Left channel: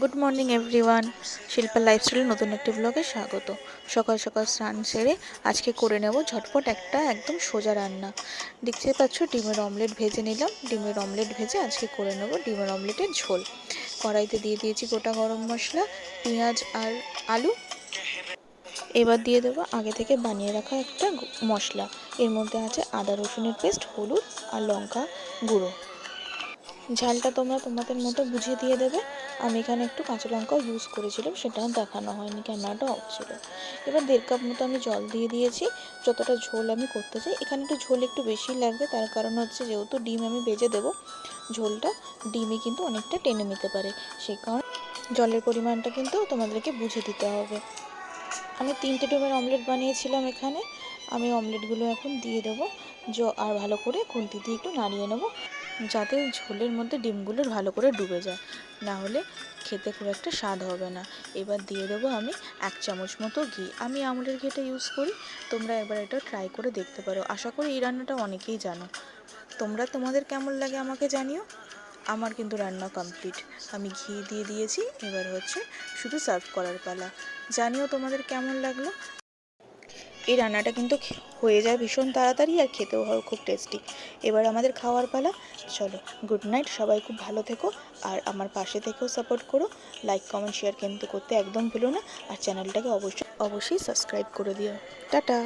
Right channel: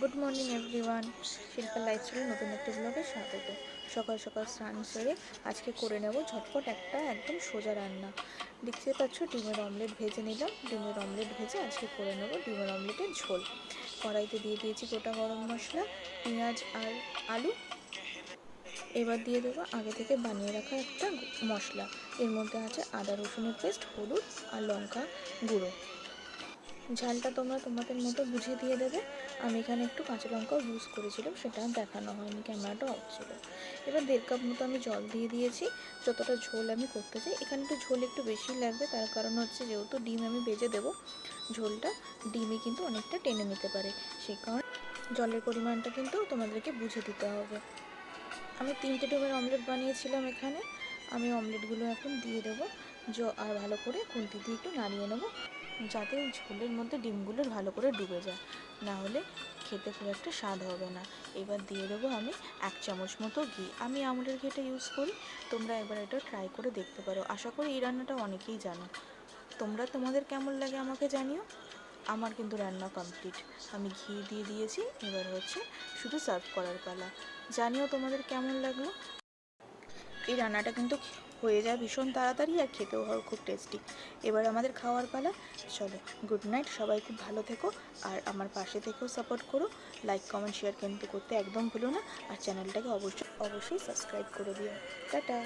Good morning everyone, Shilpa লাইফস্টাইলের নতুন একটি ব্লগে স্বাগত। সকাল সকাল স্নান সেরে আজকে করে নেব ঝটপট একটা একদম সোজা রান্না। দেখতে পাচ্ছ ডিমের অমলেট ভেজে নিলাম। ডিমের অমলেট ভেজে আজকে করে নেব ডিমের অমলেটের ঝোল। কড়াইতে দিয়ে দিয়েছি গোটা গরম মশলা, পেঁয়াজ আর আলু। এবার দিয়ে দেবো আগে থেকে বানিয়ে রাখা একটা মশলা। এর মধ্যে আছে আদা রসুনের পেস্ট, হলুদ আর লঙ্কা গুঁড়ো। ঝালটা তোমরা তোমাদের মতো বুঝিয়ে দিয়ে দেবে। আমি এখানে একটু কাঁচা লঙ্কাও ইউজ করেছিলাম, সেটাও দেখানো হয়নি, ক্যামেরাটা অফ ছিল। এবার 1.5 কাপ মতো আমি জল দিয়ে দিয়েছি। যতটা ঝোল আমি করতে চাই, এখানে একটু ঝোল একটু বেশি লাগবে, তার কারণ হচ্ছে যেহেতু ডিম আমি ভেজে দেবো, ঝোলটা ডিমে কিন্তু অনেকটা টেনে নিতে পারে। সেই কারণে জলের পরিমাণটা কিন্তু তোমাদেরকে বুঝে দিতে হবে। আমি 3টে ডিমের অমলেট বানিয়েছিলাম এখানে। আমি অমলেটগুলো এখন দিয়ে দেবো আর ভালো করে খুন্তি দিয়ে একটু নাড়িয়ে নেবো, যাতে ঝোলের মধ্যে ডিমগুলো ভালো করে ডুবে যায়, না হলে খেতে খুব একটা স্বাদ হবে না। এবার দিয়ে দেবো আমি 1 চামচ মতো ঘি। আমি আমুলের ঘিটা ইউজ করি, তোমরা একবার এটা ট্রাই করে দেখতে পারো। আশা করি এই রান্নাটা অনেকেই জানো। তোমাদের কেমন লাগে আমাকে জানিও। আমার কিন্তু রান্না কমপ্লিট, আমি ঘি দিয়ে দিয়েছি। এবার হচ্ছে শুধু সার্ভ করার পালা। জানিও তোমাদের কেমন লাগলো। এই রান্নাটা কিন্তু হয়ে যায় ভীষণ তাড়াতাড়ি, আর খেতেও হয় খুব টেস্টি। এবার আমাদের খাওয়ার পালা। চলো, গুড নাইট, সবাই খুব ভালো থেকো। আর আমার পাশে থেকেও সাপোর্ট করো। লাইক কমেন্ট শেয়ার কিন্তু করতে একদম ভুলো না। আর চ্যানেলটাকে অবশ্যই অবশ্যই সাবস্ক্রাইব করে দিও। টাটা।